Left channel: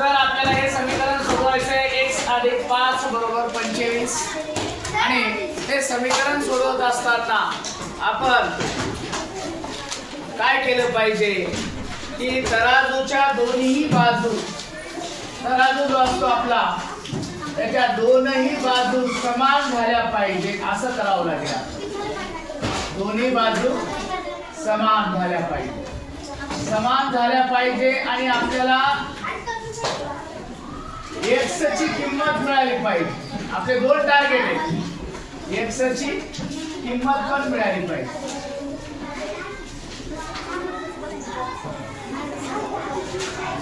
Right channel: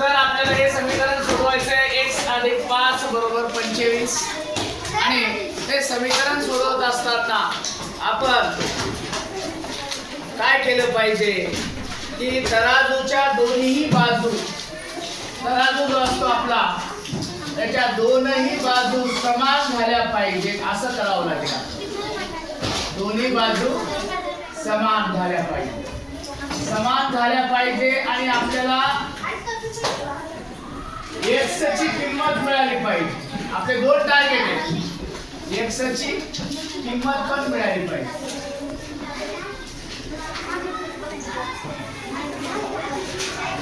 तर आपल्याला हे समीकरण सोडवायचं आहे एक्स अधिक पाच बरोबर पंचवीस. आणि हे समीकरण सोडवत असताना आपण काय केलं पाहिजे? की तराजूच्या दोन्ही बाजू तराजू जो असतो आपला त्याच्या दोनही बाजू समान झाल्या पाहिजे असं करावं लागेल. दोन्ही बाजू समान झाल्या पाहिजे समान झाल्या पाहिजे आणि आपल्याला एक्सची किंमत मिळाली पाहिजे. आपले दोन टार्गेट आहेत एक्सची किंमत पण मिळाली पाहिजे.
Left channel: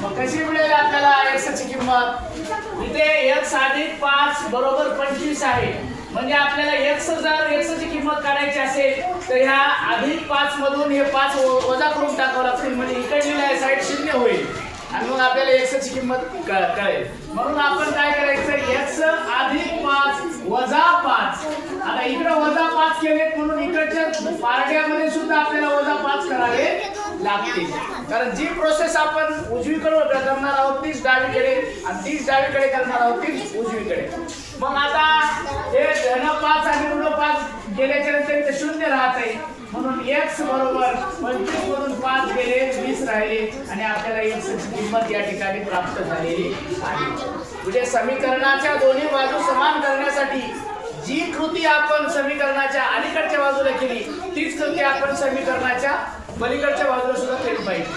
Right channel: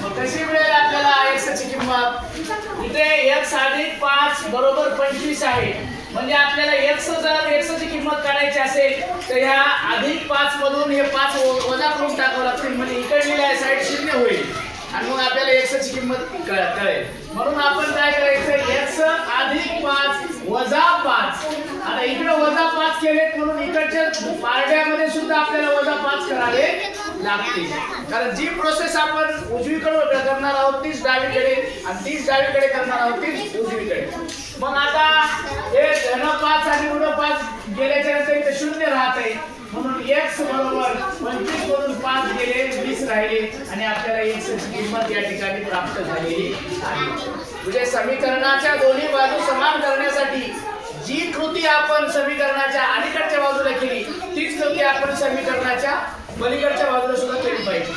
मग कशी मिळेल आपल्याला एक्सची किंमत? इथे एक्स अधिक पाच बरोबर पंचवीस आहे. म्हणजे आपल्याला एक्स जर एक्सची किंमत काढायची असेल तर ह्या अधिक पाच मधून हे पाच वजा करून टाकावं लागतील. म्हणजे इकडलेल्या साईड शून्य होईल. आणि मग आपल्याला एक्सची किंमत कळ- कळेल. म्हणून आपण काय करायचं? एक्स अधिक पाच वजा पाच. आता इकडे वजा पाच केलेत म्हणून इकडच्या पारड्यामध्ये सुद्धा आपल्याला वजा पाच करावे लागते कारण जी प्रोसेस आपण उजवीकडे करणार आहोत तीच डावीकडे आणि तीच डावीकडे करणार आहोत तीच उजवीकडे. मग आता हे धन पाच आणि ऋण पाच गेल्याच्या शून्य राहते. म्हणून एक्स बरोबर पंचवीस वरून पाच गेले वीस राहिले आणि आपल्याला एक्सची किंमत या ठिकाणी प्राप्त झालेली आहे. म्हणजे समीकरणाच्या दोन्ही बाजू समान करण्यासाठी जी कृती आपण समीकरणाच्या अलीकडच्या बाजूला केली तीच कृती आपण समीकरणाच्या पलीकडच्या बाजूला सुद्धा केली पाहिजे.